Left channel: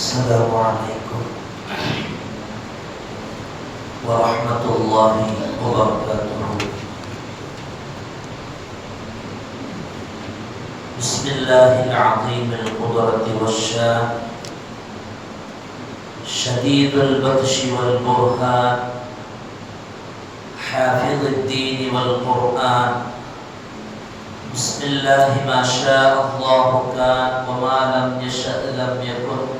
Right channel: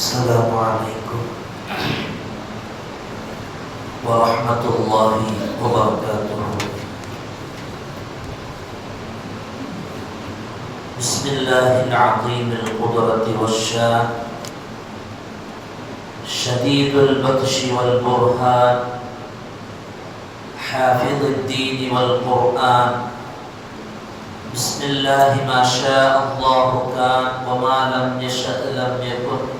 السلام عليكم ورحمة الله وبركاته. بسم الله العظيم القدرة والشان شديد البطش والبرهان حافظ الدين والقرآن. بسم الله ما شاء الله كان وما لم يشأ لم يكن.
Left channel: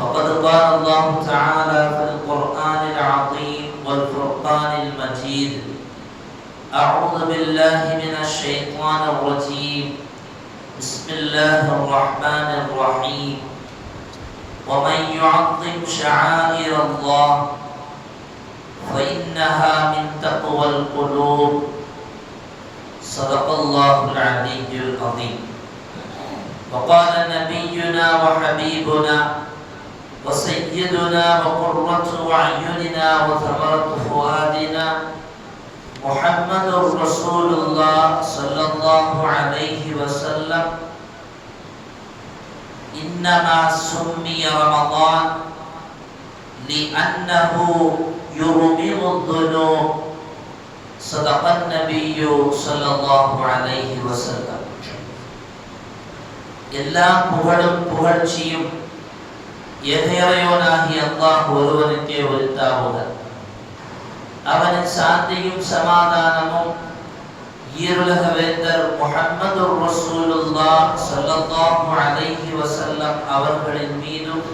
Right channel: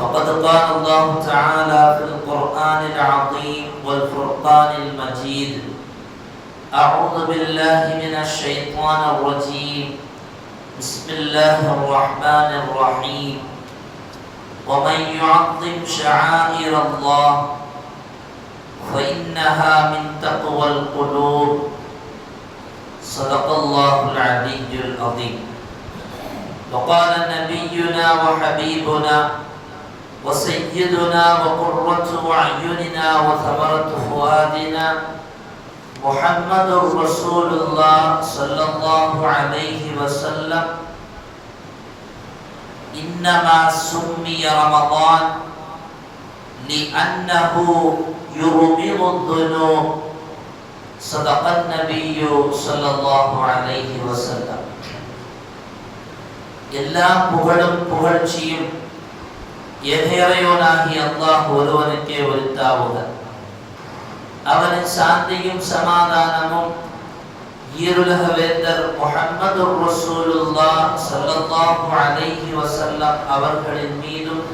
فقد قال الله تعالى في القرآن العظيم والفرقان المجيد. أعوذ بالله من الشيطان الرجيم. بسم الله الرحمن الرحيم. ومن يعظم شعائر الله فإنها من تقوى القلوب. صدق الله العلي العظيم. وقال نبينا وحبيبنا وسيدنا وقرة أعيننا وثمرة فؤادنا محمد رسول الله صلى الله عليه وسلم إنما سمي رمضان لأنه يرمض الذنوب صدق النبي صلى الله عليه وسلم எல்லா புகழும் புகழ்ச்சியும் எதையறையோனாகி அல்லாஹ் ஒருவனுக்கே உரித்தாவுடன் அவனின் சாந்தியும் சமாதானமும் ஈருலக வேந்தர் முஹம்மது ரசூலுல்லாஹ் ஸல்லல்லாஹு அலைஹி வஸல்லம் அவர்களின் மீதும்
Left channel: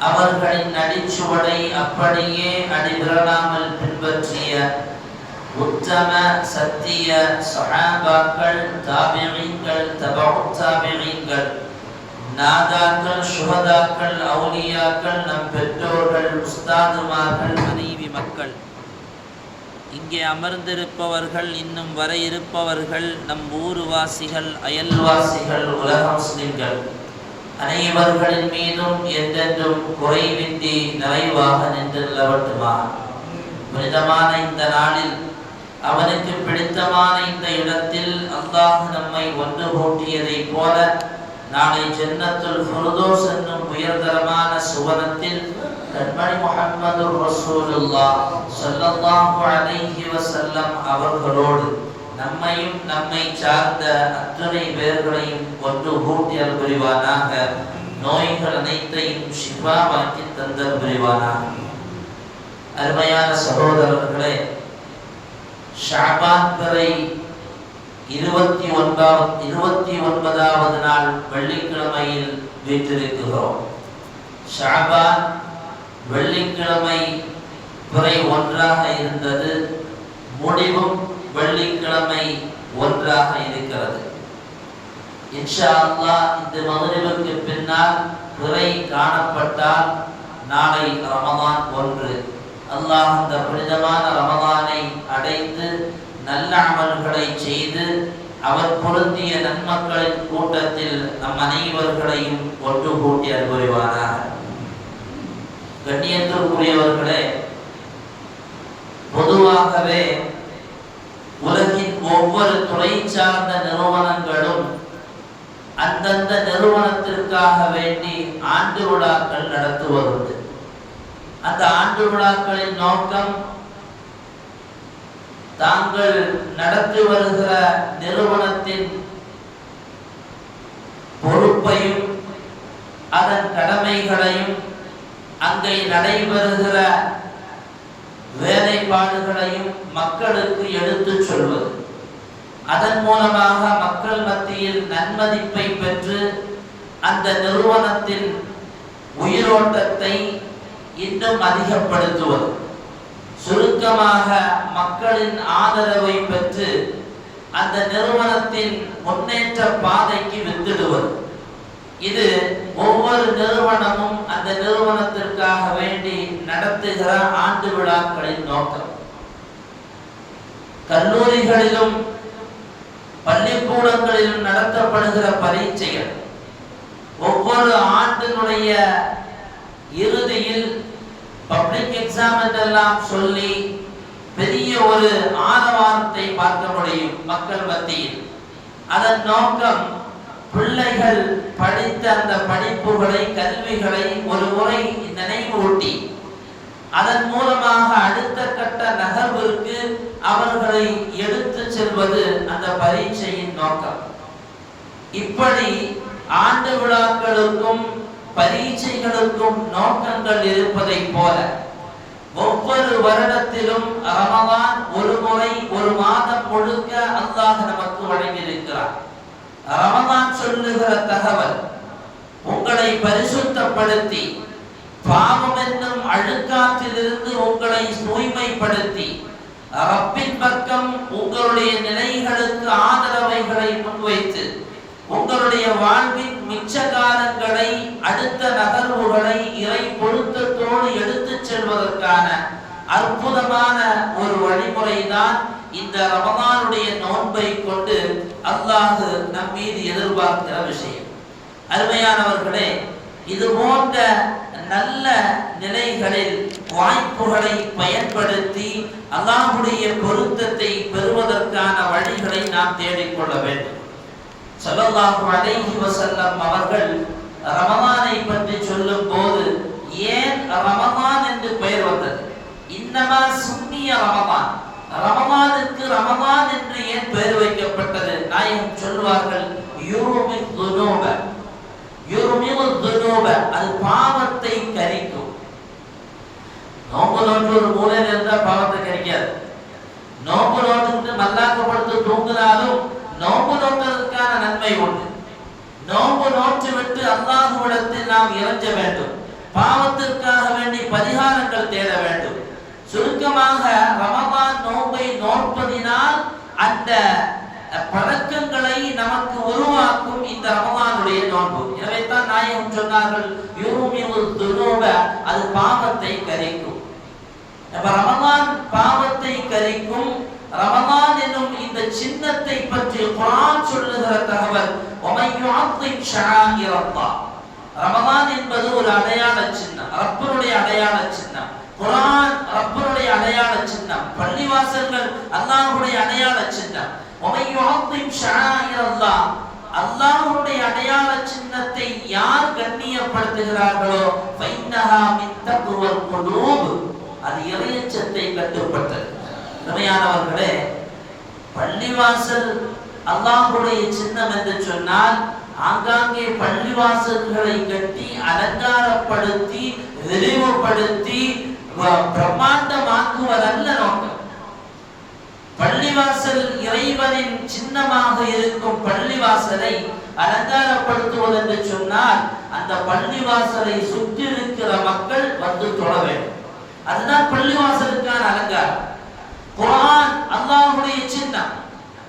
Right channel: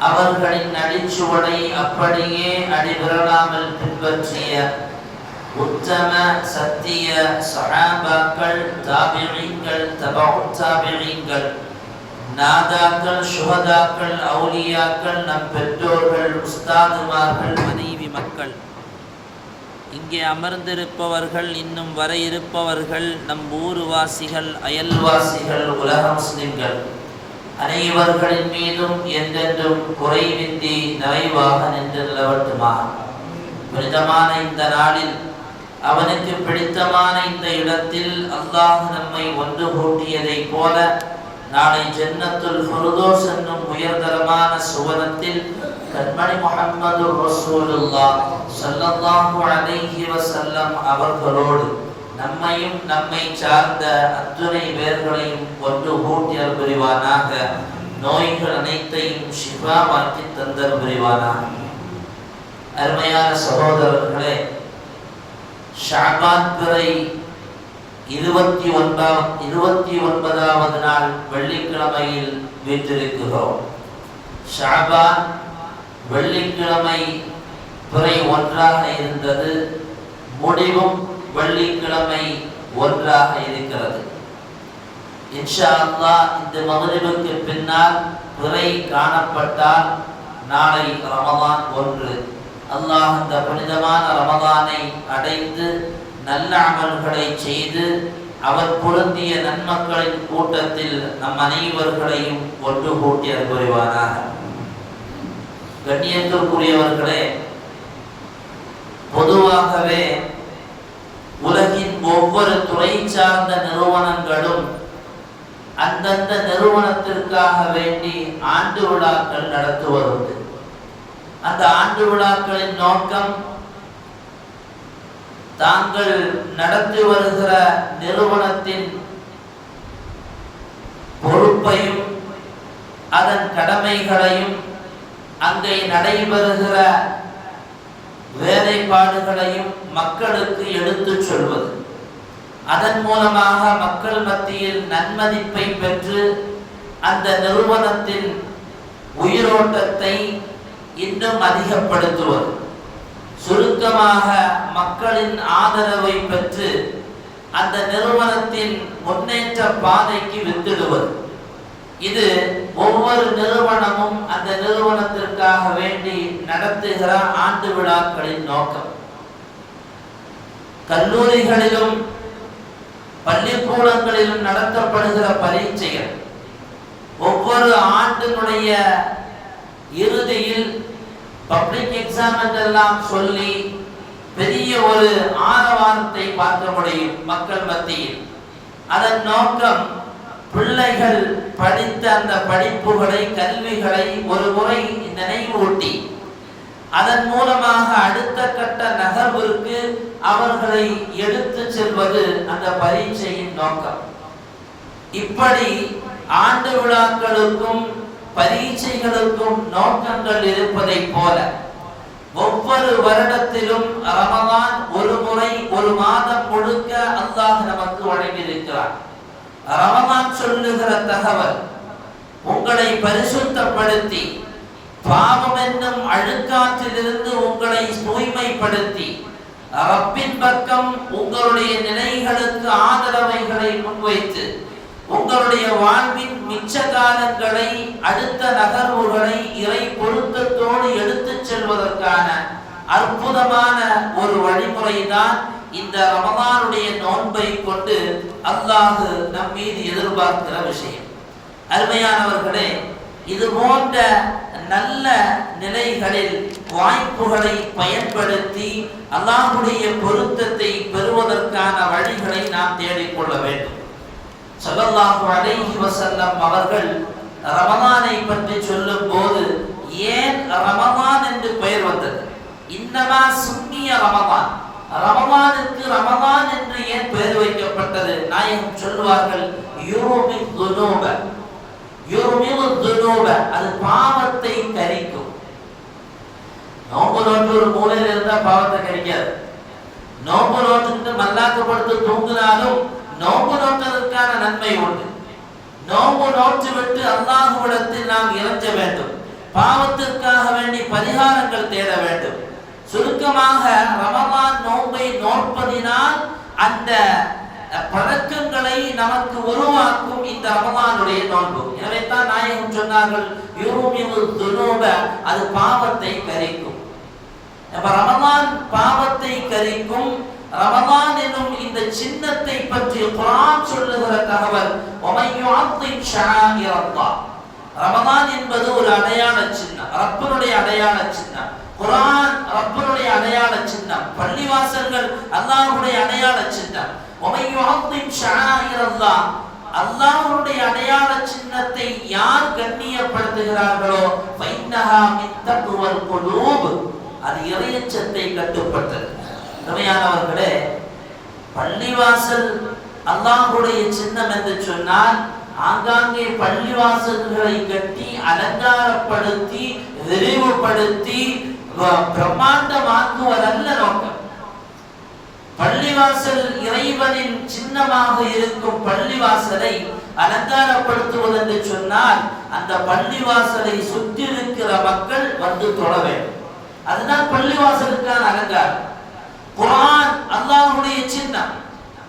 அவர்களின் நடிச்சுவடை அப்படியே அடிவிரலாமல் பின்பற்றிய உத்தம சத்திய சஹாபாக்கள் தாபியீன்கள் தபு தாபியீன்கள் நாதாக்கள் சுகதாக்கள் அவுலியாக்கள் நம் பெற்றோர்கள் உஸ்தாதுமார்கள் மனைவி மக்கள் இங்கே அமர்ந்திருப்பவர்கள் இன்னும் வர இருப்பவர்கள் நம் ஊர்வாசிகள் அயல்வாசிகள் உலக முஸ்லிம்கள் அனைவர்களின் மீதும் எந்தென்றும் குறைவின்றி நிறைவாக நின்று நிலவட்டுமா புனிதமான இந்த நாளில் அவனுக்கு பிடித்தமான இந்த இடத்தில் அல்லாஹ் நம்மை ஒன்று கூட்டியதைப் போல நாளை ஜென்னத்துல் ஃபுருதோஸ் என்னும் உயர்தரமான சுவனத்தில் கண்மணி முகமது ரசூலுல்லா சல்லல்லாஹு அலைஹி வஸல்லம் அவர்களோடு நம்மையும் நம்மை சார்ந்த அத்துணை பேர்களையும் ஒன்று கூட்டி புரிவானாக நோய்கள் அனைத்தையும் ஷிஃபாவாக்கி தந்தல் புரிவானாக. அருமையான சகோதரர்களே ஷாபான் பிறை இருபத்தி ஒன்றாம் இருபத்தி ஒன்பதாவது நாள் வெள்ளிக்கிழமையில் வீற்றிருக்கிறோம். ஷாபான் வெள்ளிக்கிழமை துறை ஒன்றாக இருந்தது. முடிவும் வெள்ளிக்கிழமை ஒன்றாக இருக்கிறது. இன்ஷா அல்லாஹ் இந்த மகரிபுக்கு பின்னால் பிறை காணப்பட்டால் நாளை ரமதான் ஒன்று. அல்லாஹ் இந்த புனிதமான ரமதானை அடைந்து நல்ல அமல்களை செய்து அவர் பொருந்திய நன்மக்களின் கூட்டத்தில் நம் அனைவர்களையும் ஒன்று கூட்டி அனுபவிவானாக கண்ணியத்திற்குரியவர்களே பொதுவாகவே உலகின் ஒவ்வொரு துறை சார்ந்த நிறுவனங்களும் அந்தந்த நிறுவனத்திற்காக வேண்டி ஆண்டு விழாக்கள் நடத்துவதுண்டு. அந்த ஆண்டு விழாக்களின் நோக்கம் தாங்கள் நடத்தி வருகிற நிறுவனத்தின் பொறுப்பையும் அதன் கடமைகளையும் அங்கே நடைபெறுகிற வேலைப்பாடுகளையும் மக்களுக்கு எடுத்துச் சொல்வது. அதன் மூலமாக மக்கள் மத்தியில் நன்மதிப்பை பெற்று அந்த நிறுவனத்தின் உயிரோட்டத்தை இன்னும் அதிகப்படுத்துவது. சுருக்கமாக மக்களின் ஆதரவை பெற்று அந்த நிறுவனத்தின் முன்னேற்ற பாதைக்கு வித்திடுவது. இது ஒவ்வொரு நிறுவனமும் அந்த நிறுவனத்திற்காக வேண்டி நடத்துகிற ஆண்டு விழாக்களின் நோக்கம். கல்லூரிகளிலும் பள்ளிக்கூடங்களிலும் நடத்தப்படுகிற பரீட்சைகள் ஒவ்வொரு ஆண்டினுடைய இறுதியில் பப்ளிக் எக்ஸாம் என்றெல்லாம் சொல்லி பெரிய ஒரு ஆரவாரத்தை பார்க்க முடியும் மக்கள் மத்தியில். அதன் நோக்கம் பிள்ளைகள் படித்த அந்த படிப்புகளை கல்விகளை ஒரு முறை நினைவூட்டி அதன் மூலமாக அடுத்த கட்ட நகர்விற்கு அவர்களை எடுத்து செல்வது அந்த பரீட்சையின் நோக்கம். இப்படி ஆண்டு விழாக்களுக்கும் பரீட்சைகளுக்கும் நோக்கங்கள் இருப்பதை போல ஒவ்வொரு வருடத்திலும் ரமதான் ஒரு முறை ஒரு மாதம் முழுக்க அல்லாஹ் நமக்கு வழங்கியிருக்கிறார். ரமதான் சொல்லுகிற தகவல் உங்களை பரிசுத்தப்படுத்தி பாவம் என்னும் அழுக்காற்றிலிருந்து உங்களை தூய்மைப்படுத்தி ரப்பின் பக்கம் உங்களுடைய நிலைகளுக்கு ஆதரவைகளை முன்வைத்து உங்களுடைய வாழ்வின் மிச்சகாரங்களை அடுத்த நகர்வுகளை இறை பொருத்தத்தோடு எடுத்துச் செல்வதற்கான அற்புதமான ஒரு வழிமுறைதான் இந்த ரமதானுடைய நோன்பை கொண்டு அல்லாஹு நம் மீது எதிர்பார்க்கிற விஷயம். அருமையானவர்களே இது போன்ற நல்ல நிலைகளில் வாய்ப்புகளை பயன்படுத்தி அல்லாஹுடைய பொருத்தத்தை பெறுவதற்கான வழிகளை நாம் தேடிக்கொள்ள வேண்டும். சல்லல்லாஹு அலைஹி வஸல்லம் அவர்கள் ரமலானை பற்றி சொல்லும் போது ஏன் ரமலான் என்று பெயர் வந்தது? இன்னமா சுன்னிய ரமலான். ரமலானுக்கு ரமலான் என்று ஏன் பெயர் வைக்கப்பட்டது? நாயகம் சொல்வார்கள் யூமி துனூப. யூமில் துனூப அது பாவத்தை கரிக்கும். நோம்பு நோட்டு ஒரு மூலையில் இருந்தால் பாவத்தை கரிக்காது. நோம்பு நோட்டுக்கிட்டு மல்லாக்கப்படுத்து தூங்கினாலும் நோம்பு நோட்டதற்கான நன்மை உண்டு. நோம்பு நோற்று விட்டு அல்லாஹுவிடத்தில் நாம் இறஞ்ச வேண்டும். பாவத்திற்காக வேண்டி பரிகாரங்கள் தேட வேண்டும். சுருக்கமாக ரமலான் நோன்பை நோற்பதினால் அந்த பழக்கங்களை நமக்கு உருவாக்கும் இந்த ரமலானுடைய நோன்பு. எனவே தான் நாயகம் சொன்னார்கள் யூமியு அது பாவத்தை கரைக்கும். அப்ப ரமலான் பாவத்தை கரைக்கும் ரமலான் இந்த சின்னத்தை பற்றி குரான் சொல்லுகிற தகவல் ரமதான் என்பது ஒரு அடையாள சின்னம் ரப்பனுடைய அடையாள சின்னம். குரான் ரப்பனுடைய அடையாள சின்னம். பள்ளிவாசல்கள் அல்லாஹுடைய அடையாள சின்னம். அல்லாஹுடைய அடையாள சின்னத்தை யார் கண்ணியப்படுத்துகிறார்களோ ஃபைன்னஹா அது இறையச்சத்தை கட்டுப்பட்டது அருமையானவர்களே பள்ளிவாசல் அல்லாஹுடைய சின்னம் என்று சொன்னால் ஆங்காங்கே பள்ளிவாசல்களை கட்டி அலங்காரப்படுத்தி விரிவுபடுத்தி வ- பிரம்மாண்டமாக்குவதல்ல நோக்கம். பள்ளிவாசல் இறைவனின் சின்னமாக இருக்கும் பள்ளிவாசலை அலங்காரப்படுத்துவது என்று சொன்னால் அந்த பள்ளிவாசலை சுற்றி இருக்கிற மக்கள் வந்து தொட வேண்டும். அதுதான் பள்ளிவாசலுக்கான அலங்காரம். குரான் அல்லாஹுடைய சின்னம்.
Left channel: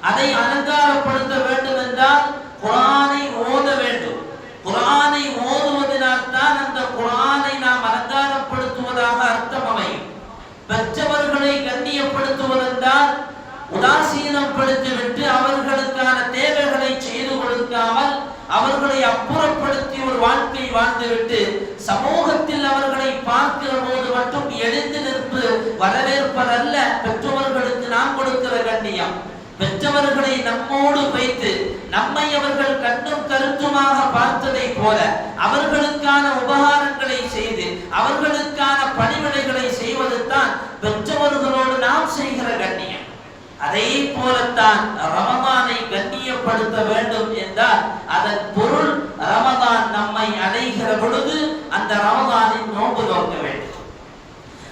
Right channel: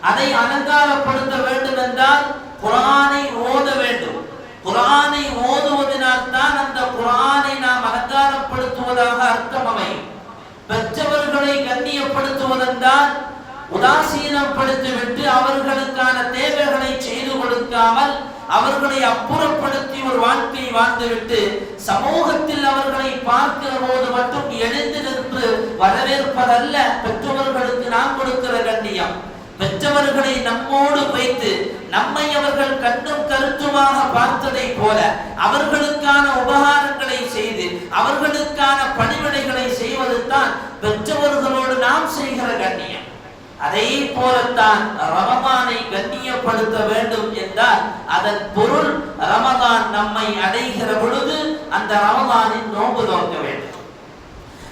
அதை அலங்காரப்படுத்த வேண்டும் என்றால் குரானை ஓத வேண்டும். குரானை ஓதுவதனால் தான் அந்த குரானை நாம் அலங்காரப்படுத்துவதாக அர்த்தம் அமையும். பெற்றவர்களை கண்ணியப்படுத்துவதென்றால் உதாசீனப்படுத்திவிட்டு அவர்களுக்கான தேவைகளை செய்து கொடுக்காமல் அவர்களை அப்புறப்படுத்தி ஒரு வாழ்க்கை வாழ்ந்துவிட்டு சமூகத்தில் அவர்களை பார்க்கிற போது மட்டும் எழுந்து நின்று வரவேற்பதல்ல பெற்றவர்களுக்கு நாம் கொடுக்கிற கண்ணியம். பெற்றவர்களை நம்மோடு வைத்து நம்மை அவர்கள் கண்ணும் கருத்துமாக பார்த்ததை போல அவர்களுக்கான உபகாரங்களை செய்து அவர்களுக்கான பணிவிடைகளை செய்வது தான் பெற்றவர்களோடு நாம் செய்கிற கண்ணியம். அதே போலத்தான் ரமதானை கண்ணியப்படுத்த வேண்டும் என்றால் அதன் பொருள் ரமதான் நம்மை அடைகிற பொழுது அந்த ரமதானின் நோன்பு நோக்க வேண்டும்.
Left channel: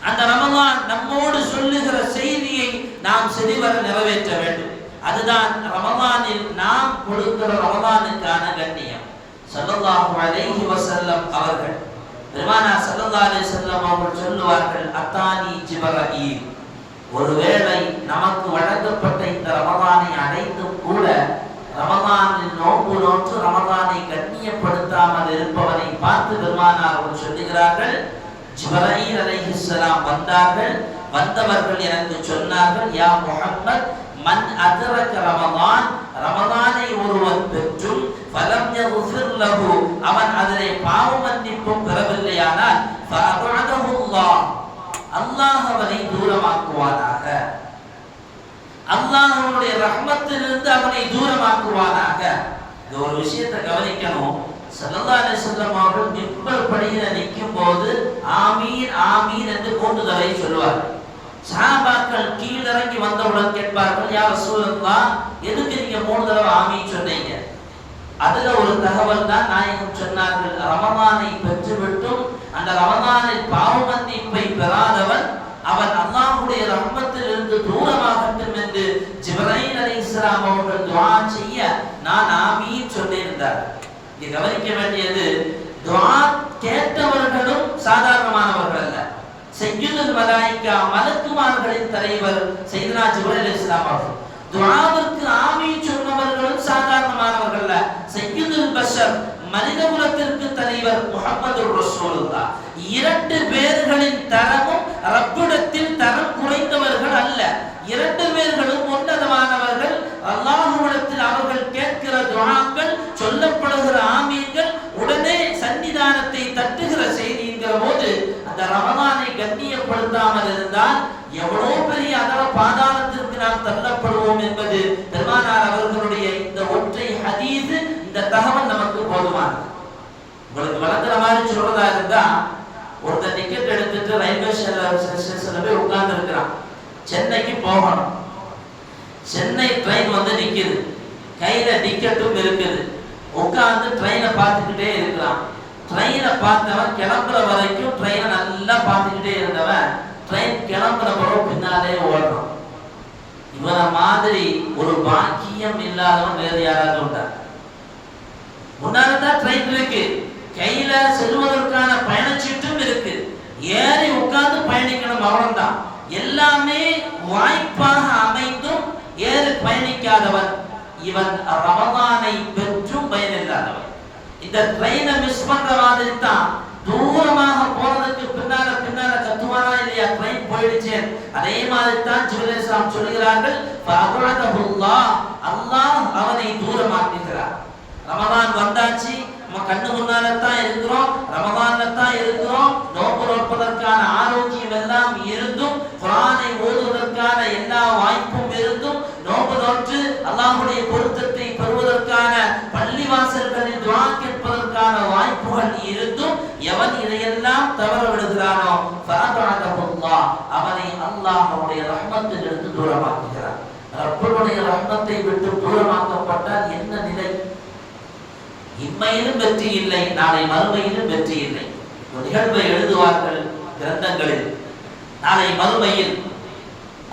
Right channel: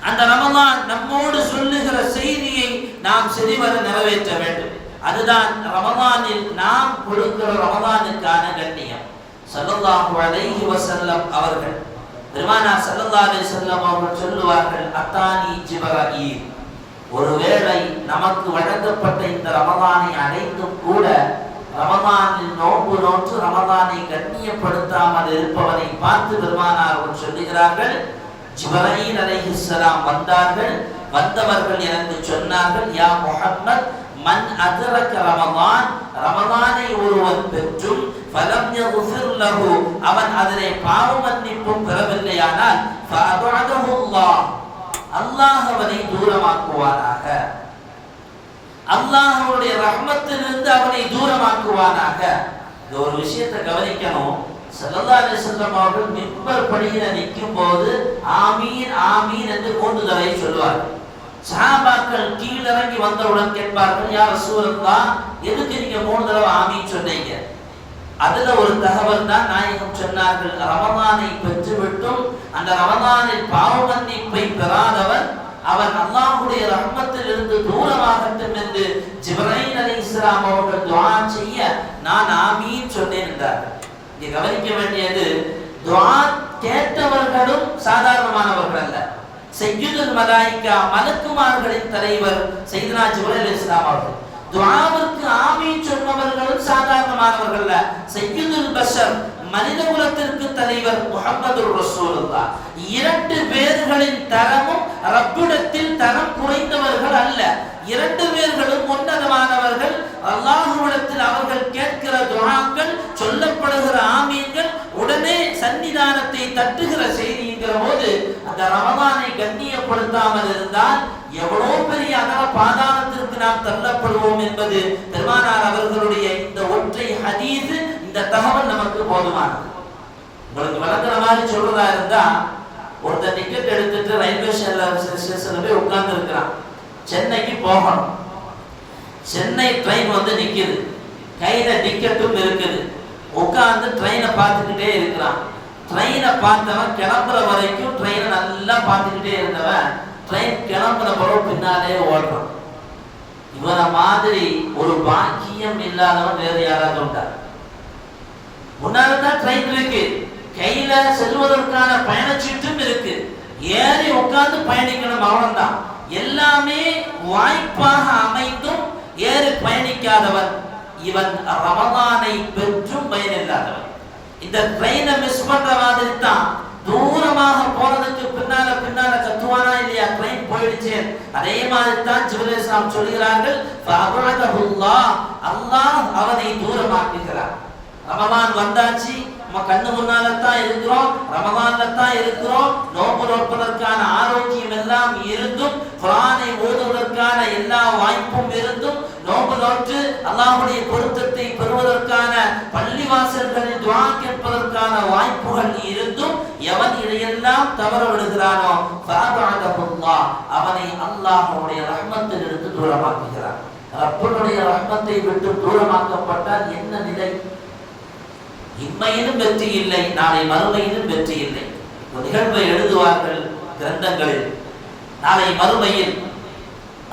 அந்த ரமதான் நம்மோடு சொல்லுகிற செய்தியை நாம் சரிவர நிறைவேற்ற வேண்டும். அதுதான் ரமதானில் நாம் கொடுக்கிற ரமதானுக்கான கண்ணியம். ஸல்லல்லாஹு அலைஹி வசல்லம் அவர்கள் பெருமானா சல்லல்லாஹு அலைஹி வஸல்லம் அவர்கள் சொல்லுவார்கள் அத்தானி ஜிப்ரீல் ஒருவேளை நமக்கு வழங்கப்பட்ட இந்த ரமதானை அடைந்தும் கூட ரமதானில் நோன்பு நோற்று ரமதானை கண்ணியப்படுத்தாமல் இருப்பவரை பார்த்து பெருமானார் அவர்கள் சொல்லுகிறார்கள் ஜிப்ரீல் அலைஹிஸ்லாம் வந்தார்கள் வந்தவர்கள் எனக்கு சொன்னார்கள் யா முஹம்மத் மன் அதரக ரமதான் ரமதானை ஒருவன் பெற்றும் பலம் அவன் அதனை பாவ மன்னிப்பும் பெறவில்லையானால் அல்லாஹ் அவனை தூரமாக்குவானாக. அல்லாஹ்வுடைய ரஹ்மத்திலிருந்து அவனை தூரமாக்குவானாக. இந்த ஒரு விஷயத்தை கவனிக்கணும். செல்லல்லா அலிசல்லம் அவர்கள் மின்பர் படியில நிற்கும் போது ஆமீன் ஆமீன் என்று கூண்டுதலை சொல்வார்கள் சஹாபாக்கள் கீழிறங்கி வந்தவுடன் கேட்பார்கள் யார் ரசூலல்லாஹ் எதுக்கு நீங்க மூணு தடவை ஆமீன் சொன்னீங்க? அதுல ஒரு தகவல் தான் நாயகம் சொன்னார்கள். ரமதானை பெற்றுவிட்டும் அந்த ரமதானில் பாவ மன்னிப்பை பெறாதவன் அவன் அல்லாஹுடைய ரஹ்மத்தில் இருந்து தூரமாகட்டும் என்று ஜிப்ரைல் இஸ்லாம் அவர்கள் துவா செய்ய நான் ஆமீன் சொன்னேன் இங்க கவனிக்க வேண்டியது துவா கேட்டவர்களும் சாதாரணமானவர்கள் அல்ல. செய்யுதல் மலாய்க்கா மலக்குமார்களின் தலைவர் சையதுனா ஜிப்ரைல் இஸ்லாம் அவர்கள். துவாவிற்கு ஆமீன் சொன்னவர்களும் சாதாரணமானவர்கள் சையதுல் பஷர் மனித குலத்திற்கு தலைவர் முகமது ரசூலுல்லா இரண்டு பேர்களின் தரமும் ரப்பிடத்தில் தரம் குறைந்தவர்கள் அல்ல. இரண்டு பேர்களும் உன்னதமானவர்கள். அல்லாஹுவிடத்தில் அவர்கள் கேட்கிற துஆக்கள் சொல்லப்படுகிற ஆமீன்கள் உடனே சன்னிதானத்தை தட்டுகிற செய்திங்கிற போது அந்த ரமதானை கண்ணியப்படுத்தாமல் இருந்தால் எவ்வளவு பெரிய அதர பாதாளத்திற்கு நாம் தள்ளப்படுவோம் என்பது பெருமானார் அவர்களுடைய இந்த ஒற்றை ஹதீது இந்த தகவல் நமக்கு போதுமானது. உங்களுக்கு விளங்குற மாதிரி சொல்றதா இருந்தா ஒருத்தர் டிக்கெட் எடுத்துட்டு ரயில்வே ஸ்டேஷன்ல போய் உட்கார்ந்து இருக்கிறான் சென்னைக்கு போகணும். சென்னை ட்ரெயின் வந்து நிற்கிது கையில் டிக்கெட்டும் இருக்குது. உட்காந்து ட்ரெயினை பார்த்துக்கிட்டே இருக்கிறான் ட்ரெயினை பார்த்தவன் கிளம்புற வரைக்கும் ட்ரெயினை நல்லா பார்த்துக்கிட்டே இருந்தவன் ட்ரெயின் கிளம்புற பிறகு பின்னாலே ஓடுறான். இவரை மாதிரி ஒரு பாக்கியம் இல்லாதவன் வேறு யாராவது உண்டா? முன்னால தான் ட்ரெயின் இருக்கு. கையில செல்வதற்கான பயணச்சீட்டும் இருக்கு. ஏறி உட்கார்ந்து பயணிக்கணும் அவ்வளவுதான் எல்லாமே வாய்ப்பாக அமைந்தும் ஏறு பயணிக்காதவன். இவன் ரமதானை பெற்றும் பயனில்லாதவன். இந்த ட்ரெயினை மிஸ் பண்ற மாதிரி தான் தூரமாக போறதுக்கு பின்னால பின்னால கத்துவானா இல்லையா? ட்ரெயின் போயிடுச்சு. அதே மாதிரி தான் ஜிவலேஸ்லாம் சொல்கிறார்கள் அல்லாஹ். அவனை தூரமாக்குகிறார் ரமதான் வந்தாச்சு நம்ம கண்ணு முன்னால தான் இருக்கிறோம் ரமதான்ல தான் இருக்கிறோம். நோன்பு நோப்பதற்கான ஆரோக்கியம் எல்லாம் இருந்தும் குரானை ஓடுவதற்கான எல்லா வாய்ப்பும் இருந்தும் நோன்பு நோற்று அல்லாஹுடைய பொருத்தத்தை பெறுவதற்கான பள்ளிவாசல்களில் துவா கேட்பதற்கான வாய்ப்புகள் இருந்தும் எவன் இதையெல்லாம் தவற விடுகிறானோ பொருளா அவனை அல்லாஹ்வுடைய ரஹ்மத்திலிருந்து தூரமாக்குகிறான். ரப்பனுடைய ரஹ்மத்தை விட்டு தூரமாக்கப்பட்டால் என்ன நிலை? இம்மையிலும் வெற்றி இல்லை நாளை மறுமையிலும் வெற்றி இல்லை. ஒரு நிகழ்வை எழுதுவார்கள் கிரந்தங்களில். நாளை மறுமையில்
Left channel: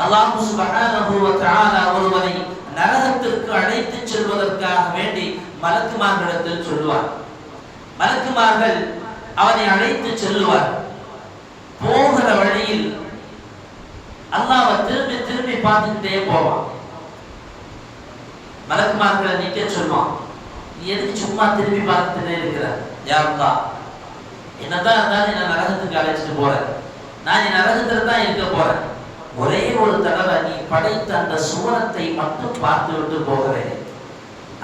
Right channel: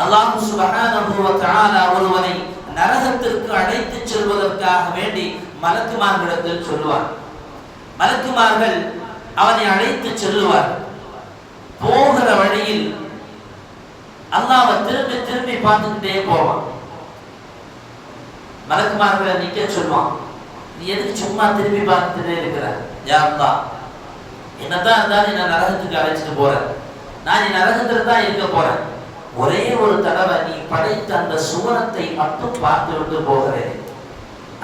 அல்லாஹு சுப்ஹானஹு ஒருவனை நரகத்திற்கு அழைத்துச் செல்வதற்காக வேண்டி மலக்குமார்களிடத்தில் சொல்லுவார். மலக்குமார்கள் அவனை அழைத்து செல்லுவார் போகிற வழியில் அல்லாஹ்வை திரும்பி திரும்பி பார்த்துக்கிட்டே போவான். மலக்குமார்களை நிக்க சொல்லுவான் நீ எதுக்கு சும்மா திரும்பி பார்த்துட்டே இருக்கிற? யாருந்தா அல்லாஹ் என்னதான் இருந்தாலும் என்ன நரகத்துக்கு அழைச்சிட்டு போறேன் நான் என் நரகத்துல தான் இருக்க போறேன். ஒரே ஒரு தடவை நீ படைத்த அந்த சுவனத்தை மட்டும் பார்த்து விட்டு போகிறேன்.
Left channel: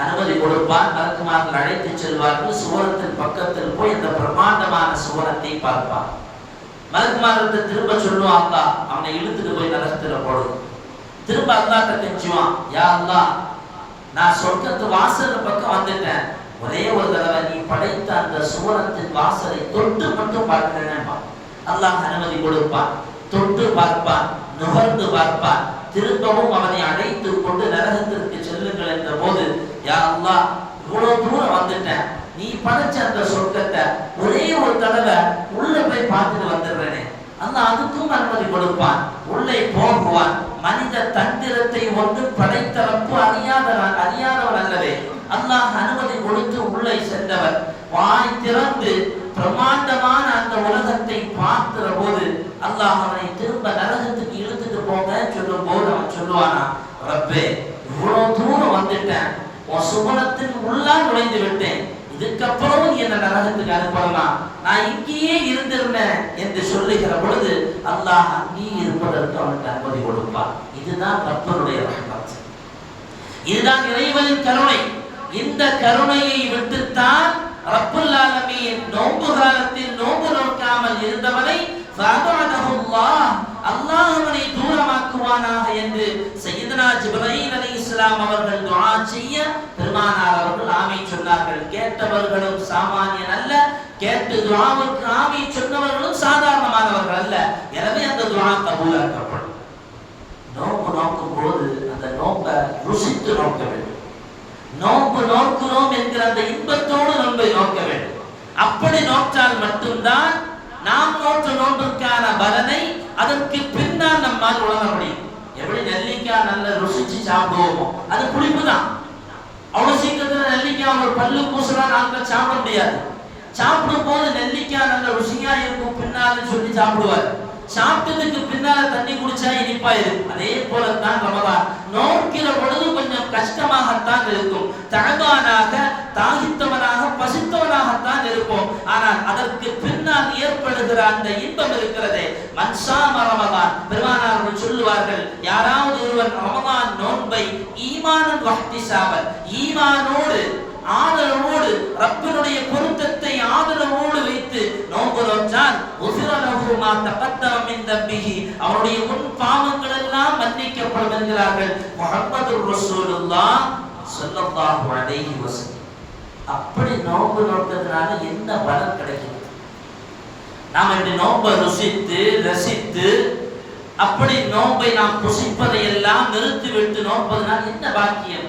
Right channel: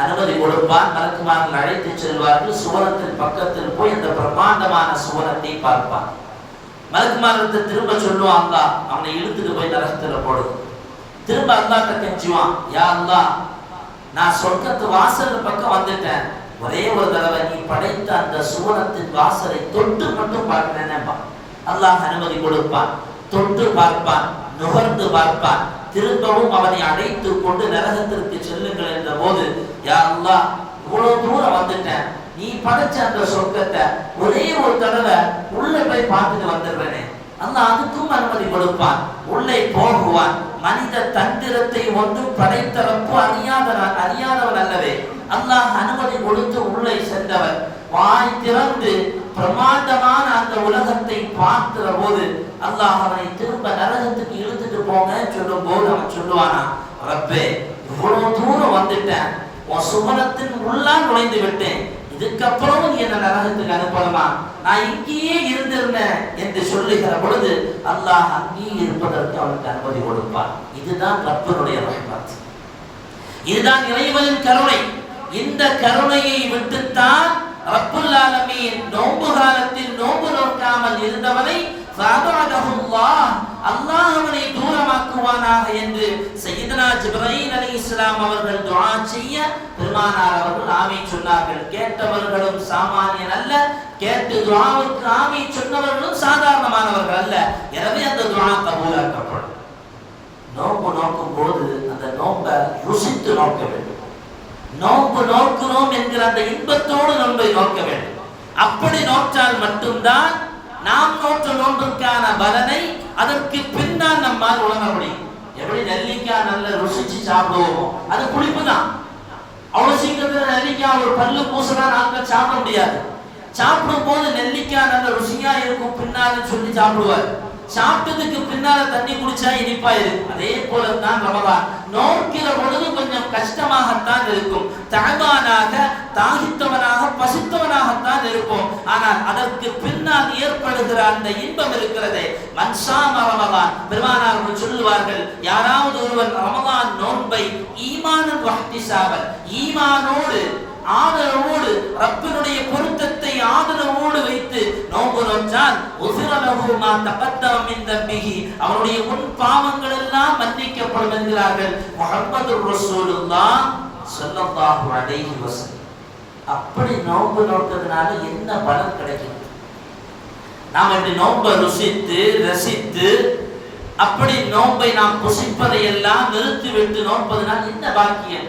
அனுமதி கொடுப்பார் மலக்குமார்கள் அழைத்து செல்வார்கள். சுவனத்தின் பக்கத்தில் போய் அந்த பிரம்மாண்டமான சுவனத்தை பார்ப்பான் மலக்குமாரத்தை திரும்ப சொல்லுவான் அல்லாஹ் அவனை இழுத்துட்டு போய் நரகத்துல போடு. திரும்ப அல்லாட்ட கெஞ்சுவான் யா அல்லாஹ் நான் சொர்க்கத்து வாசல் பக்கம் வந்துட்டேன். ஒரே ஒரு தடவை நீ படைத்த அந்த சுவனத்தின் வாசலை தொட்டு மட்டும் பார்க்கிறேன்பா அல்லாஹ் அனுமதி கொடுப்பான். தொட்டு பார்ப்பான் நுகர்ந்து பார்ப்பான். திரும்பவும் அவனை அடைத்து கொண்டு நரகத்திற்கு செல்லுங்கள் என்ற போது யா அல்லா இவ்வளவு தூரம் வந்துட்டேன். நீ படைச்ச அந்த சொர்க்கத்தை ஒரே ஒரு தடவை உள்ள போய் பார்த்துட்டு வந்துடுறேனே. அல்லாஹ் அதுக்கும் அனுமதி கொடுப்பான். உள்ளே போகுவான். மனித தந்திரத்தை ஒன்று படைத்தரப்பு அறியாத அறியாதவர் அல்லவே. அல்லாஹ் அனுமதி கொடுத்து உள்ளே சென்றவர் வாய் திறந்து பிரமாண்டமான அந்த உலகத்தை பார்க்கிற போது அல்லாஹ் அவனை திரும்ப நரகத்துக்கு இழுத்துட்டு போங்க சொல்லும் போது அவன் சொல்லுவானா ரப்பே இவ்வளவு தூரம் வந்துட்டேன். உன் சுவனத்தின் உள்ளா நுழைந்து விட்டேன். இதுக்கப்புறம் நீ என்ன நரகத்துக்கு அனுப்பலாம் நான் இங்கேயே இருந்திருந்தேன் என்று சொல்லுகிற பொழுது அல்லாஹ் அங்கேயே இருப்பதற்கு அவனுக்கு அனுமதி கொடுப்பார் இதுதான் ரப்பனுடைய ரஹ்மத். இதுதான் இறைவனின் கருணை. இந்த கருணையை விட்டுத்தான் ரப்புல் ஆலமீன் நோன்பு காலத்தில் நோன்பு நோக்காமல் இருந்தவனை அல்லாஹ் அவனை தூரமாக்குவானாக என்று சையதனா பலீனலி இஸ்லாம் அவர்கள் துஆ செய்ய பெருமானார் அவர்கள் ஆமை சொன்னார்கள். கேட்டவர்களும் சாமானியன் அல்ல. கேட்டு துஆவுக்கு ஆமை சொன்னவர்களும் சாதாரணமானவர்கள் அல்ல. எனவே அந்த துஆ கபூலாக்கப்படும் நோக்கு நோக்கும் போது அந்த நோக்கை ருசித்து நோக்க வேண்டும். நோக்கு நோக்கிறோம் என்கிற அந்த இன்பத்தோடு நம்மை நோக்க வேண்டும். அப்படி நோற்றால் மட்டும்தான் நாம் நோற்ற நோன்புக்கான பலனை அதற்கு பின்னால் நம்மால் உணர முடியும். எப்படி நெல்லிக்காய் நல்ல ருசிச்சு சாப்பிடுவோமோ அது புளிப்பு தான் அவ்வளவு சீக்கிரத்துல நெல்லிக்காய் ஒரு பல்லு பூசலாம் நாட்கள் சாப்பிட முடியாது. சாப்பிடும் போது நெல்லிக்காய் நல்ல ருசியா இருக்கும் பின்னாலும் சொல்லி சாப்பிடுவார். சாப்பிட்டதுக்கு பின்னால தண்ணி குடிச்சா இனிப்பா இருக்கும். அதே போல தான் ரமதான். நோக்கிற பொழுது கொஞ்சம் கஷ்டமாகத்தான் இருக்கும். தாழ்வானாக தாகித்தவனாக பசித்தவனாகத்தான் இருக்கும். ஆனால் அதற்கு பின்னால் ஏற்படுகிற அந்த இன்பம் இருக்கிறதே மன்சாம ரமதான். பெருமானார்கள் சொல்லுவார்கள் யாராவது ஒருவன் ரமதான் நோன்பை ஈமானன் வஹ்திசாவல் ஈமானோடு ஆதரவோடு ரப்பினுடைய பொருத்தத்தை ஆதரவோடு வைத்து நோன்பு நோற்றால் உசிரலகுமா மா இந்த பிகி அவனுடைய அவருடைய முன் பாவங்கள் எல்லாம் மன்னிக்கப்படும் என்கிறார்கள் முகமது ரசூலுல்லா ஸல்லல்லாஹு அலைஹி வஸல்லம். அப்படி நோன்பு நோக்கிறதுனால என்ன பலன் கிடைக்கும்? நாம் இப்படி நோன்பை ருசித்து ரசித்து அப்படி நோன்பை நாம் புசிப்பதை எல்லாம் நிறுத்திவிட்டு நோன்பதனால் என்ன பாக்கியம்?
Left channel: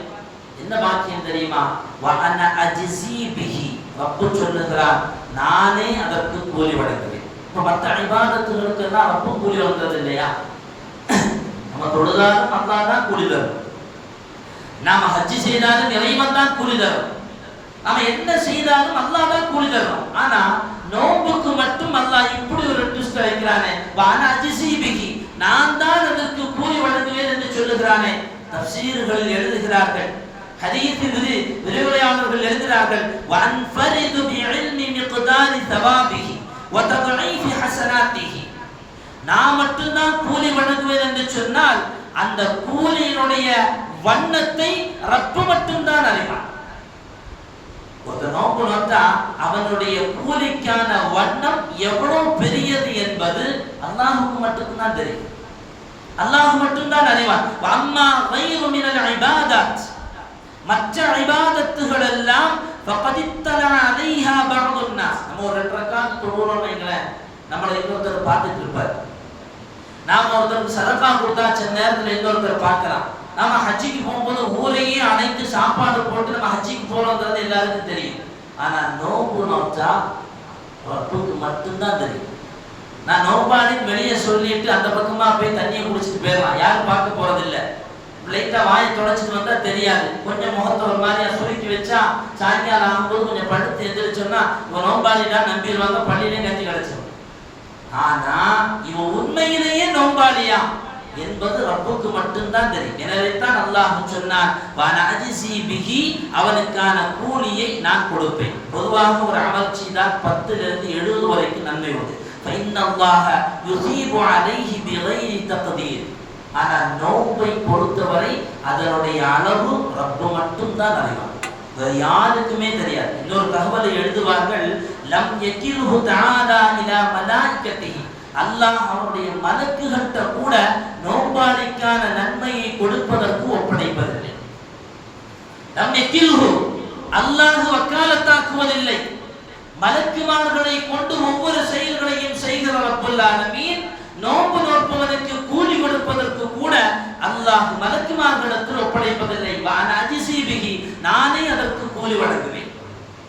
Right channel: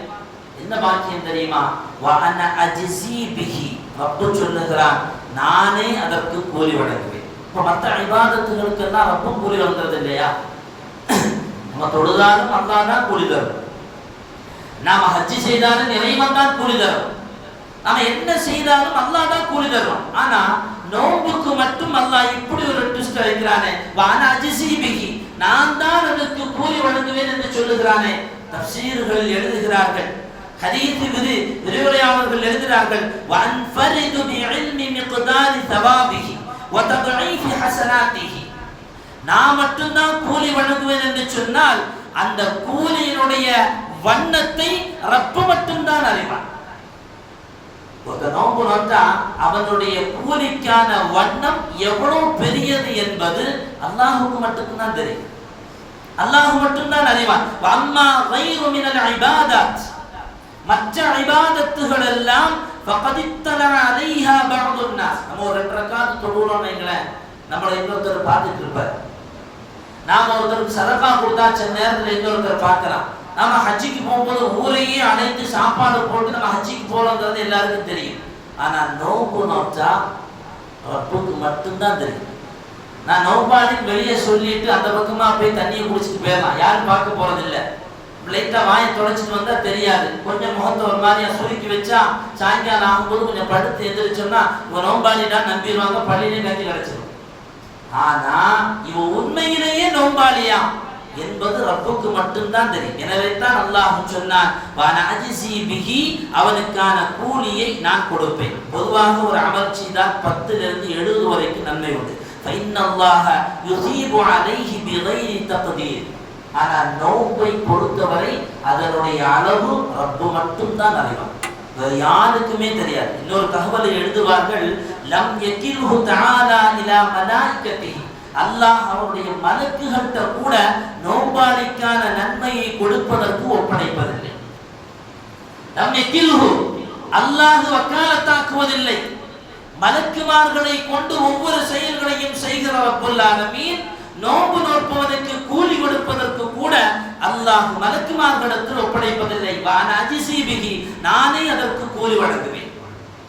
என்ன பாக்கியம் தெரியுமா? வஅன அஜ்ஸி பிகி ரப்பு சொல்லுகிறான் நானே அதற்கு கூலி வழங்குவேன். இப்போ மற்ற இபாதத்துகளுக்கு எல்லாம் ரப்பும் கூலி வழங்குறது இல்லையா? நம்ம தொழுதாலும் அல்லா தான் கூலி தரும். நாம ஹஜ்ஜி செய்தாலும் இறைவன் தான் கூலி தரும். நாம என்ன செய்தாலும் அல்லா தான் கூலி தரும். ஆனா நோன்புக்கு மட்டும் அல்லாஹ் இப்படி ஒரு ட்விஸ்ட் வைக்கிறானே. வான அஜிசிபிகி நான் தான் அதற்கு கூலி வழங்குவேன் என்று சொல்லுகிறானே. தப்சீர்கள் எழுதுகிறார்கள் ஹதீஸ் விதி விரிவுரையாளர்கள் எழுதுகிறார்கள் வன்ஃபரிது பிஇல்மி மிக்தாரி தவாபிஹி வதضعீஃபி ஹஸனாத்திஹி நான் மட்டும்தான் கூலி வழங்குவேன் என்று சொன்னால் அந்த கூலியினுடைய வண்ணத்தை ரப்பு மட்டும்தான் அறிவான். ஒரு நோம்பு நோட்டா அவனுடைய கூலிக்கான வண்ணம் எவ்வளவு பெரியது என்பது அல்லாஹுக்கு மட்டும்தான் தெரியும். அல்லாஹ் மட்டும்தான் அறிவான். அம்மா வைரு மினல் ஐபாதாத் மற்ற இபாதத்துகள் எல்லாம் ஃபகத் இத்தலா நம்ம ஒரு ரெண்டு ரக்காத் வைங்களேன். நம்மளை இன்னொருத்தர் பார்த்துட்டு இருப்பார். நாம ஒருத்தருக்கு சதப்பா கொடுத்தா சில நேரத்தில் இன்னொருத்தர் பார்க்கலாம். நாம ஹஜ்ஜிக்கு போகும்போது ஊரையே அணைத்து சாப்பாடு போட்டு நம்ம ஹஜ்ஜிக்கு போறோங்கிறது எல்லாருக்கும் தெரியும். ஆனா நோம்பு நோச்சா ரப்புக்கு மட்டும்தான் தெரியும். நான் நோபாடின்னு வெளியே சொல்லிட்டு அந்த பக்கமா போய் தண்ணியை குடிச்சிட்டு போயிடலாம். யாரும் பார்க்க போறது லைட்டா வாயை தொலைச்சிட்டு வந்தா தெரியாது. கொஞ்சம் முகத்தை ஒரு மாதிரியா சுருக்கி வச்சா சாயங்காலம் ஆகும்போது கொஞ்சம் படுத்து எந்திரிச்சோன்னா இவன் நோம்பாளிடா நம்பிடுவாங்க. பள்ளியிலே கஞ்சி கிடைச்சிடும் ஆனா இவன் உண்மையிலேயே நோம்பாளியா என்பது ரப்புக்கு மட்டும்தான் தெரியும். எனவே தான் அல்லாஹ் சொன்னான் வான அவனுக்கான கூலியை நான் கொடுப்பேன். பொதுவாக ஒரு அமர்ச்சி தான் பத்துலேருந்து எழுபது வரைக்கும் நன்மை உண்டு. ஆனா யுஸீபு நோன்பை பொறுத்தவரை அதனுடைய அளவு ரப்பு மட்டும்தான் அறிவான் யாருக்குமே தெரியாது. இன்னொரு தகவலை எழுதுவார்கள் லம் யக்கில்ஹு தஆலா இலா மலாயிகத்திஹி அல்லாஹ் அவருடைய மலக்குகள்கிட்ட கூட நோம்பாளிக்கான நன்மையை கொடுப்பதற்கு ஒப்படைப்பதில்லை. லம் யக்கில்ஹு அல்லாஹ் வக்காலத்தாக்குவதில்லை. மலக்குமார்களை கொண்டு ஒவ்வொரு செயல்களையும் செய்கிற ரப்புல் மீன் நோன்பு நோற்பவனுக்கு கூலி கொடுப்பதற்கு கூட அல்லாஹ் மலக்குமார்களிடத்தில் ஒப்படைப்பதில்லை. வான அஜிசீபிகி நானே அதற்கு கூலி வழங்குவேன்.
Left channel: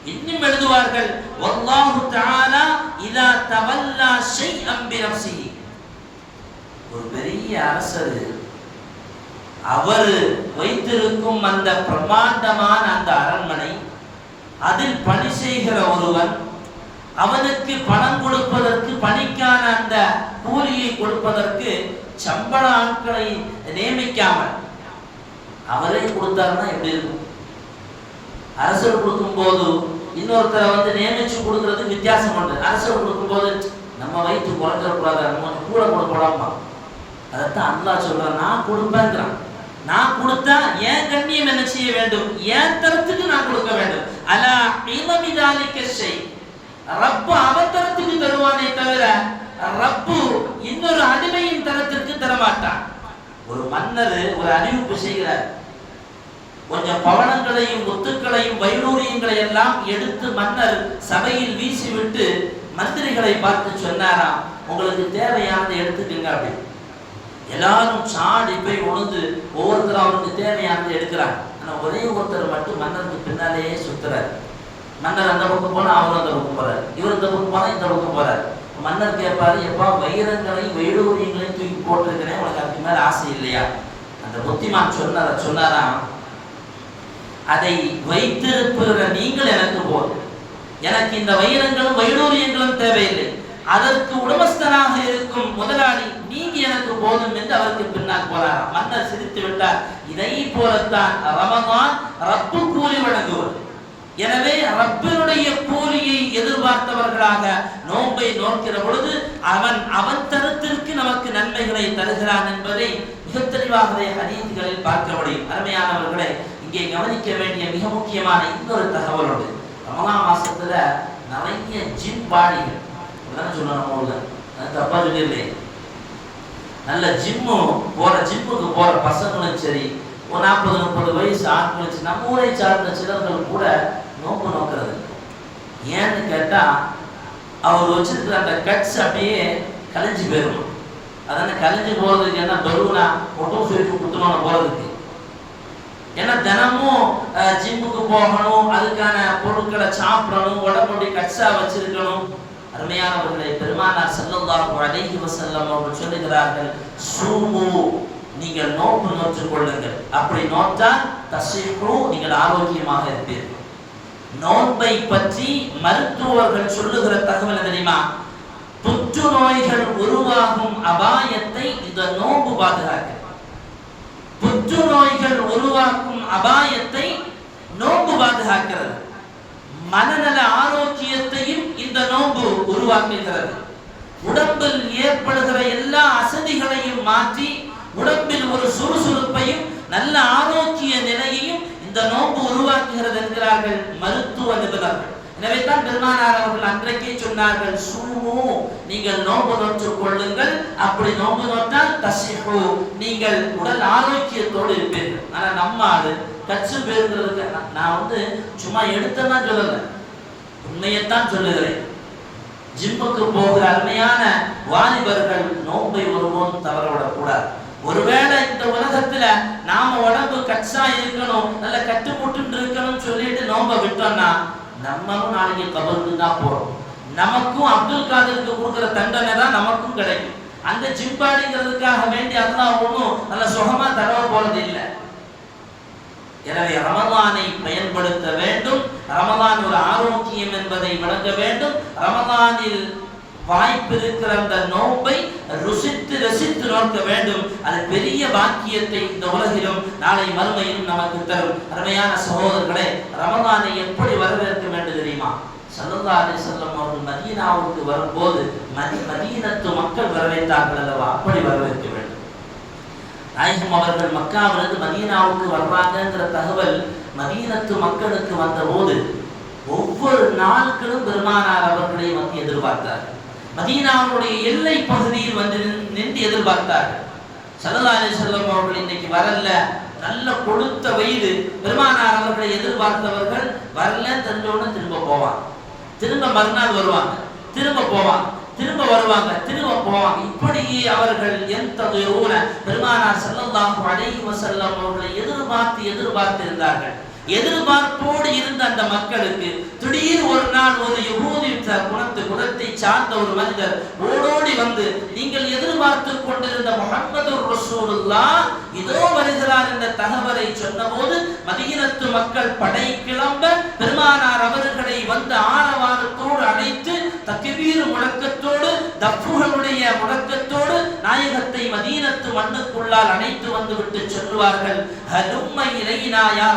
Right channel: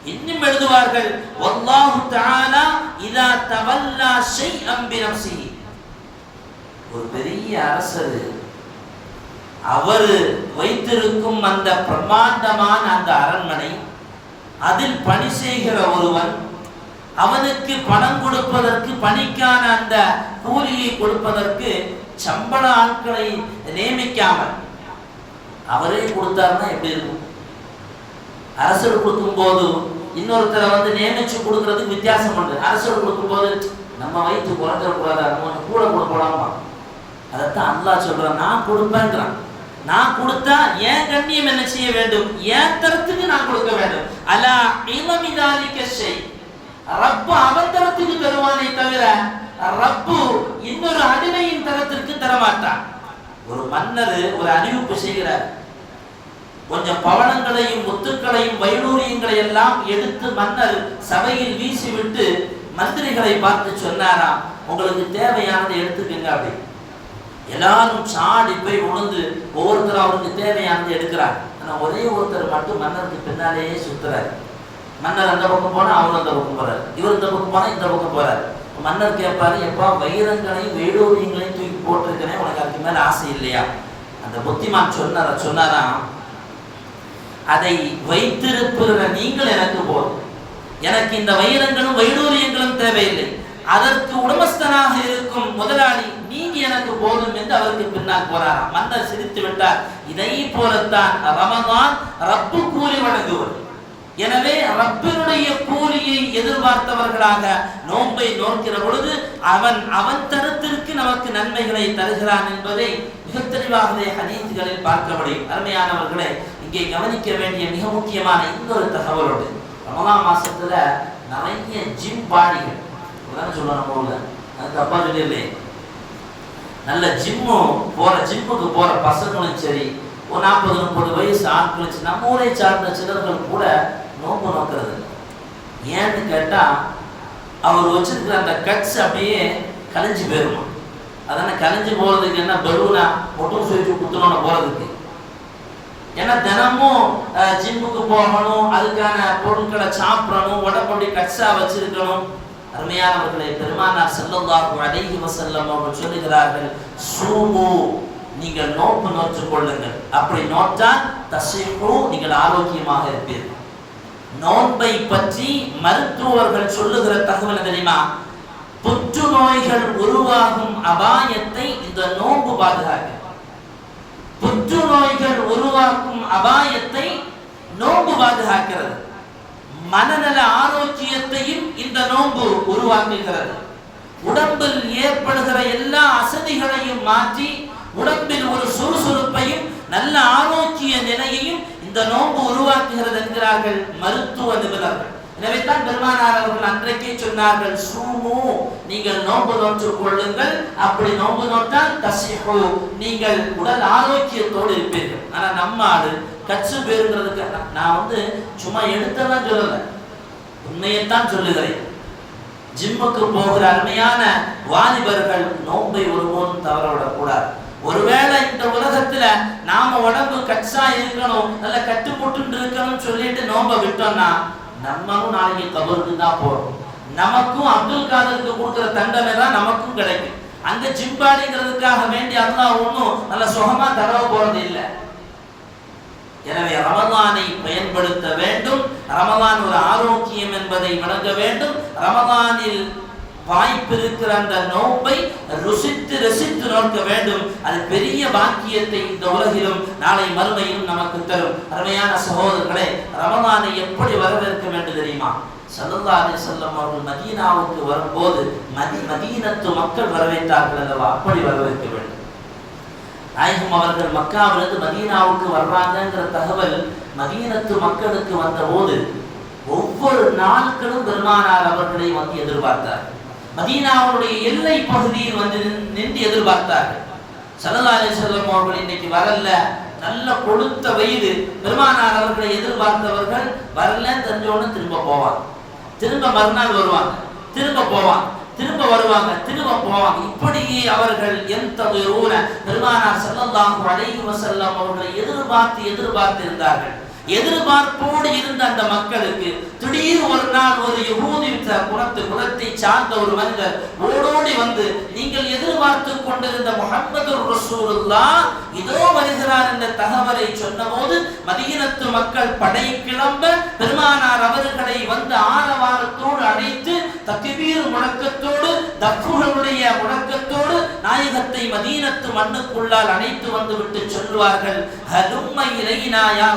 இன்னும் எழுதுவார்கள் வல்லாஹு தஆலா இதா தவல்லா ஷைஅம் பினஃப்ஸிஹி ஒரு பெரிய அரசர் அவர் வைத்திருக்கும் அந்த பிரம்மாண்டமான அந்த அரண்மனை அதில் பணி செய்கிற ஒருவன் அவனுக்கு பணம் கொடுப்பதற்கு பணிக்கான அந்த கூலியை கொடுப்பதற்கு சம்பள ஆட்களை நியமிக்காமல் அவரே கொடுத்தாருன்னா எப்படி இருக்கும்? அரசர் கொடுக்கும்போது இன்னொருத்தரை வந்து நியமிச்சு கொடுக்கறதுக்கு வித்தியாசம் உண்டு. அரசர் கொடுக்கும்போது நம்ம வயிற்று குறைஞ்சிடக்கூடாது நம்ம கூட கொடுக்கலாமா அதைத்தான் அல்லா சொல்றான். நான் கொடுப்பேங்கிறான் நான் கொடுத்தா ஏன் கண்ணியம் என்ன செய்ய வேண்டும்? ஏன் தரத்துக்கு நான் கொடுக்க வேண்டும். அலா இளமிதாலிக்க செய் ரப்பு அவத்தரத்துக்கு தருவானே தவிர ரப்பு இன்னொரு அடிமையின் தரத்திற்கு தரமாட்டான். ஒரு மன்னர் ஒரு அறிவிப்பு செய்கிறார். கொஞ்சம் பவனங்களையும் முத்துக்களையும் வைடூரியங்களை எல்லாம் எடுத்து மன்னர் சபையில் வீசிவிட்டு மந்திரிகளை பார்த்து சொன்னாராம் உங்களுக்கு தேவையானதை எடுத்துக்கங்க அப்படி எல்லாரும் சாடி போய் உணர்ந்து ஒவ்வொருத்தரும் அவருக்கு தேவையானதை எடுக்கிறார். ஆனால் ஒரே ஒருத்தர் மட்டும் மன்னருக்கு பின்னாலேயே சுத்துறாரு. மன்னர் அந்த பக்கம் போனால் அவர் அந்த பக்கம் போறாரு. இவர் இந்த பக்கம் போனால் இந்த பக்கம் போறாரு. மன்னர் கேட்பாரு எப்பா வைரங்களையும் வைடூரியங்களையும் தூக்கி போட்டிருக்கிறேன் உனக்கு அதுக்கு மேலே ஆசை இல்லையா? அந்த புத்திமான் சொன்னார சொன்னாராம் அதை வைத்திருக்கிற நீங்கள் எனக்கு போதும். எனக்கு இந்த வைரங்களும் வைடூரியங்களும் தேவையில்லை. அதற்கு உடமஸ்தனாக இருக்கும் முதலாளி நீங்க எனக்கு போதும் என்று அவருக்கு பின்னால் போறாராம் மன்னர் சிரித்து விட்டார் இதை போலத்தான் ரமதான் ரப்பு கூலி வழங்குவது எனவே ரப்பினுடைய கூலியை எதிர்பார்த்தவர்களாக நோன்பை நோக்கிற பொழுது அவன் அவன் தரத்திற்கு நமக்கு நன்மைகளை தருகிறான் என்பதை மிக தெளிவாகவே ஹதீஸ்களில் பார்க்க முடியும் அருமையானவர்களை இங்கே கவனிக்க வேண்டிய மிக முக்கியமான இன்னொரு தகவலோடு ரமலான் மாசத்துல நிறைய ஜிம் பாடிகள் சொன்னாங்க சொன்னோம் ஊர்ல? அது தப்பா சொல்லிடலையே நல்ல ஜிம்மு போற ஜிம்முக்கு போற பசங்களும் சரி ஒரு நாற்பது முப்பது வயசு ஆட்களும் நம்ம ஊரை சார்ந்த சிலர்கள் கூட நோக்கம் நோக்கிறது. ஏன்னு கேட்டால் அவர் வச்சிருக்கிற அந்த கட்ஸ் அப்படியே கலைஞ்சு போயிடணும் அதனால் கலைஞ்சு போகிறதுக்கு என்ன பலூனா ஒட்டும் சுவிச்சு குத்துனோட போகிறதுக்கு ஏன்னா தினமும் ஜிம்முக்கு போகணும் அதுக்கான பொருட்களை சாப்பிடணும் உடம்புடைய கட்ஸாக வச்சிருக்கணும். அருமையானவர்களை பெருமானார் ஸல்லல்லாஹு அலைஹி வசல்லம் அவர்கள் சொல்லுகிறார்கள் சூமு நீங்கள் நோக்கு நோற்றுக் கொள்ளுங்கள். அப்படி நோற்றால் தசைக்கும் நீங்கள் ஆரோக்கியமாக இருப்பீர்கள். நோன்பை பற்றி மருத்துவர்கள் சொல்லுகிற தகவல் தெரியுமா? புற்றுநோய்கள் உருவாகும் அபாயத்தை இந்த நோன்பு பாதுகாக்கிறது புற்றுநோய்கள் உருவாக்கும் அபாயத்தை நோன்பு பாதுகாக்கிறது. மனநல ஆரோக்கியத்தையும் இந்த நோன்பு உருவாக்குகிறது. உடம்பில் ஏற்படுகிற எல்லா அசதிகளையும் மாற்றி உடம்பில் ஒரு சுறுசுறுப்பையும் நல்ல ஆரோக்கிய நிலையையும் இந்த நோன்பு உருவாக்குகிறது என்கிறார்கள் மருத்துவ நிபுணர்கள். எனவே தான் பெருமானார் அவர்கள் அன்றைக்கே சொன்னார்கள் சூமு நீங்கள் நோன்பு நோற்று கொள்ளுங்கள். அப்படி நோன்பு நோட்டால் தசிஹு நீங்கள் உடல் ஆரோக்கியத்தோடு இருப்பீர்கள். ஆனா நம்ம ஆடு கச்சு பேருங்கிறதுக்கு நான் வந்து சும்மா எடுத்தெல்லாம் சொல்லல உண்மையைத்தான் சொல்லுகிறேன். ஜிம்முக்கு போகிற அருமையான வாலிபர்கள் நோன்பை ஒருபோதும் தவறவிடக் கூடாது ஒருவேளை இந்த உலகத்துல நாம உடம்பு கச்சா இருக்கணும் நல்ல கட்டுப்பட்டு இருக்கணும் சொல்லிட்டு நோம்ப விட்டோம்னா நம்மளும் நாளைக்கு கபருக்கு தான் போறோம். நமக்கும் அப்துல் காதருக்கு கொடுக்குற தண்டனை தான் நமக்கும் கிடைக்கும். அந்த ஜிம்பாடிங்கிறதுக்காக வேண்டி அல்லாஹ் ஒன்றும் நல்ல சுகமா தரவ போறது இல்லை. எனவே ரமதானை பயன்படுத்த வேண்டும். ரமதான் ஒரு ஆரோக்கியம் என்பதை விளங்க வேண்டும். ரமதானில் வாய்ப்பிருக்கிற அந்த நோன்பை ருசித்து ரசித்து நோக்க வேண்டும். அது பெரிய பாக்கியத்தை இந்த உலகிலும் நாளை மறுமையிலும் நமக்கு தரும். அருமையான சகோதரர்களே ரமலானை எப்படி வரவேற்க வேண்டும் தெரியுமா? சல்லல்லாஹு அலைஹி அவர்கள் மதீனாவுக்கு வரும்போது மதி மதீனத்து மக்கள் வரவேற்றார்கள் அல்லவா? அப்படி வரவேற்க வேண்டும். நாயகம் அவர்கள் மக்காவிலிருந்து மதீனாவுக்கு வர்றாங்கிற தகவல் மதீனத்து மக்களுக்கு வந்தபோது ஒவ்வொரு நாட்களும் பெருமானார் அவர்களை வந்து எதிர்பார்த்தார். மதீனாவுடைய எல்லை பகுதியில் வந்து நின்- நின்று எதிர்பார்த்தார்கள். சல்லல்லாஹு அலைஹி அவர்கள் இன்னைக்கு வரல நல்ல கொடுத்த வயது பெருமானார் அவர்களை எதிர்பார்த்தவர்கள் வரல. தெரிஞ்சோன்னு திரும்ப போவாங்க. திரும்ப மறுநாள் வருவாங்க. திரும்ப போவாங்க. திரும்ப வருவாங்க. திரும்ப போவாங்க. இப்படி அவர்கள் எந்த பெருமானார் செல்லந்தாங்க அலைஹி வஸல்லம் அவர்களை எதிர்பார்த்து எதிர்பார்த்து இருந்தார்கள் எதிர்பார்ப்போடு இருந்த அந்த மக்களுக்கு திடீர் ஒரு நாள் ஒரு யகூதி குலத்து குலத்தை சார்ந்த ஒரு மனிதர் ஓடோடி வந்து நீங்கள் எதிர்பார்த்து கொண்டிருந்த முகமது ரசூலுல்லா இதோ வருகிறார் என்ற தகவலை சொன்னபோது மதியினத்து மக்கள் படை கிளம்ப பெருமானார் அவர்களை வந்து ஆரவாரத்தோடு அழைத்து தக்பீர் முழக்கத்தோடு தப்புகளுடைய முழக்கத்தோடு நாயகத்தை மதீனத்து மண்ணுக்குள்ளால் அழைத்து வந்துவிட்டு சொல்வார்கள். சொல்லுவார்கள் ஹலும்ம இலைனா யா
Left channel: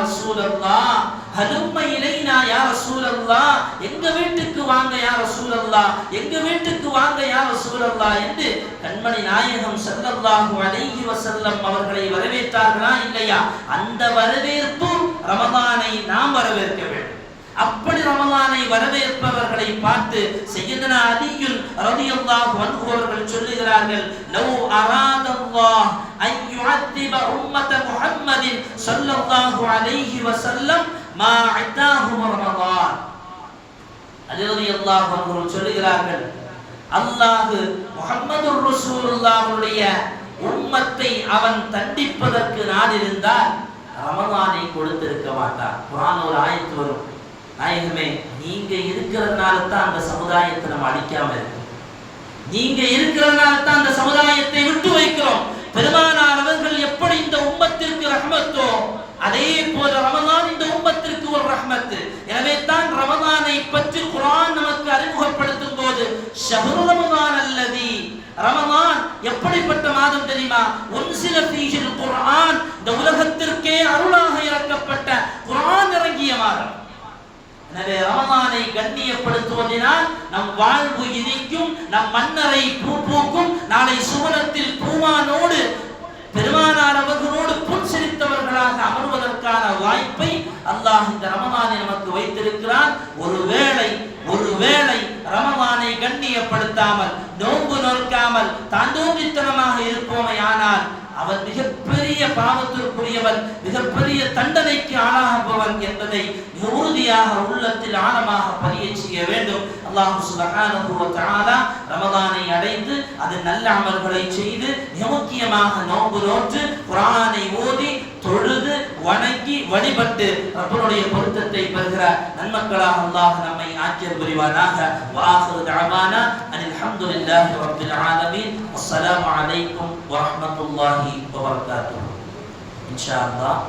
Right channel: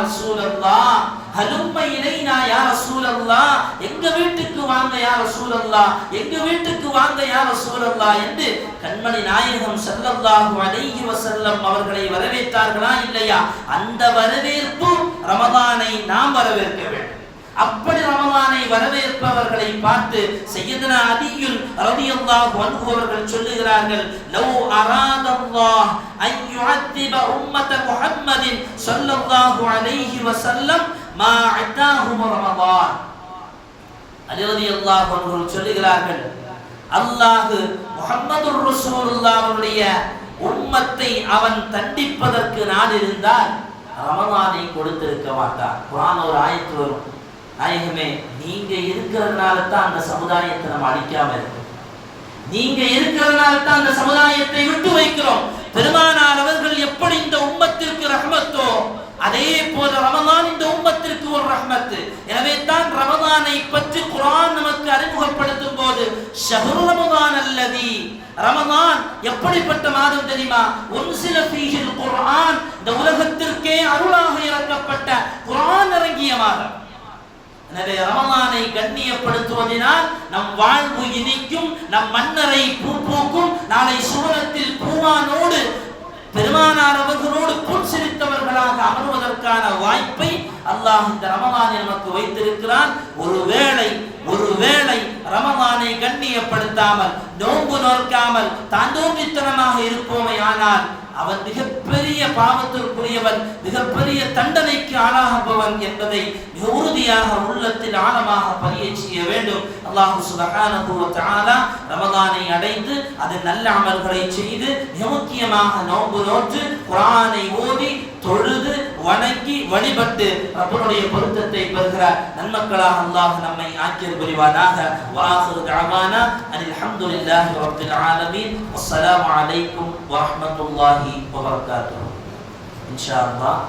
ஹலும்ம இலைனா யா ரசூலல்லா? எங்க வீட்டுக்கு வாங்க யா ரசூலல்லா? எங்க வீட்டுக்கு வாங்க யா ரசூலல்லா? என்று கண்மணி நாயகம் ஸல்லல்லாஹு அலைஹி வஸல்லம் அவர்களை வரவேற்றார்களா இல்லையா? அந்த வரவேற்பு ரமதானை நாம் வரவேற்க வேண்டும். அப்படி ரமலானை வரவேற்பவர்களை பார்த்து செய்யதனா அதியுல் ரதியல்லாஹ் அன்ஹு அவர்கள் சொல்லுகிறார்கள் லவ் அராதல்லாஹ் அன் யுஅத்திப உம்மத முஹம்மதின் ஸல்லல்லாஹு அலைஹி வஸல்லம் மா அத்தாஹும் ரமலான் அலி ரலியல்லாஹு அவர்கள் சொல்லுகிறார்கள் அல்லாஹ் முஹம்மதுர் ரசூலுல்லாஹ்வுடைய உம்மத்தை அவன் தண்டிப்பதற்கு நாடிருந்தால் ரமலானை கொடுத்திருக்க மாட்டார் குரான் ஒரு ஆயத்து வரும். நாயகமே நீங்க இருக்கிறதுனால தான் அந்த சமுதாயத்தை நம்ம அழிக்காம இருக்கோம். நீங்க இருக்கிறதுனால தான் அந்த சமுதாயத்தை விட்டு வைக்கிறோம். பெருமானார் அவர்கள் எப்படி இந்த உம்மத்திற்கு ரஹமத்தோ அதே போல ரமதான் இந்த உம்மத்திற்கு ஒரு ரஹ்மத்து. எனவே தான் ரமதானை பற்றி குரான் நமக்கு அறிமுகப்படுத்தும் போது ஷஹரு ரமதான் அல்லதி ரமதான் எப்படிப்பட்ட மாதம் தெரியுமா? ஒரு சில ஃபீஹில் குரான் இந்த உலகத்திற்கே அருளாக இறக்கப்பட்ட குரான் இறங்கிய மாதம். எனவே ரமலானை கண்ணியப்படுத்துவதினால் நம் வாழ்வு இனிக்கும் நம் மன்னரை பூ பூக்கும் நாளை சுவனத்தில் பூமானோடு பெருமானார் அவர்களோடு புன்சிரித்தவர்களாக அமர்வதற்கான வாய்ப்பை அல்லாஹ் இந்த ரமலானை நமக்கு வைத்திருக்கிறான். ஒருவேளை ஒருவேளை ரமலானை கண்ணியப்படுத்தாமல் நோன்பு நோக்காமல் தாண்டோங்கித்தனமாக இருப்போமே ஆனால் அவன் மிகப்பெரிய பாவத்திற்குரியவன் மிகப்பெரிய தண்டனைக்கு ஆளாகுபவன் என்பதை மிக உறுதியாக உள்ளத்தில் ஆழமாக பதிய செய்ய வேண்டும். அல்லாஹு சுபகானபூர்வத்தாலா ரமதானை அடைந்து அது நல்ல அமல்களை செய்து மிக முக்கியமாக நோன்பு நோற்று குரானை ஓதி தொழுது வணங்கி வழிபட்டு ரப்பனுடைய பொருத்தத்தை பெறுகிற நன்மக்களாக அல்லாஹ் நம்மை ஆக்கியர் புரிவானாக. வாஹிரு தஅவானா அனில் அஹமதுல்லாஹி ரப்பில் ஆலமீன். அஸ்ஸலாமு அலைக்கும் வரஹ்மத்துல்லாஹி வபரகாத்துஹு இன்ஷா அல்லாஹ்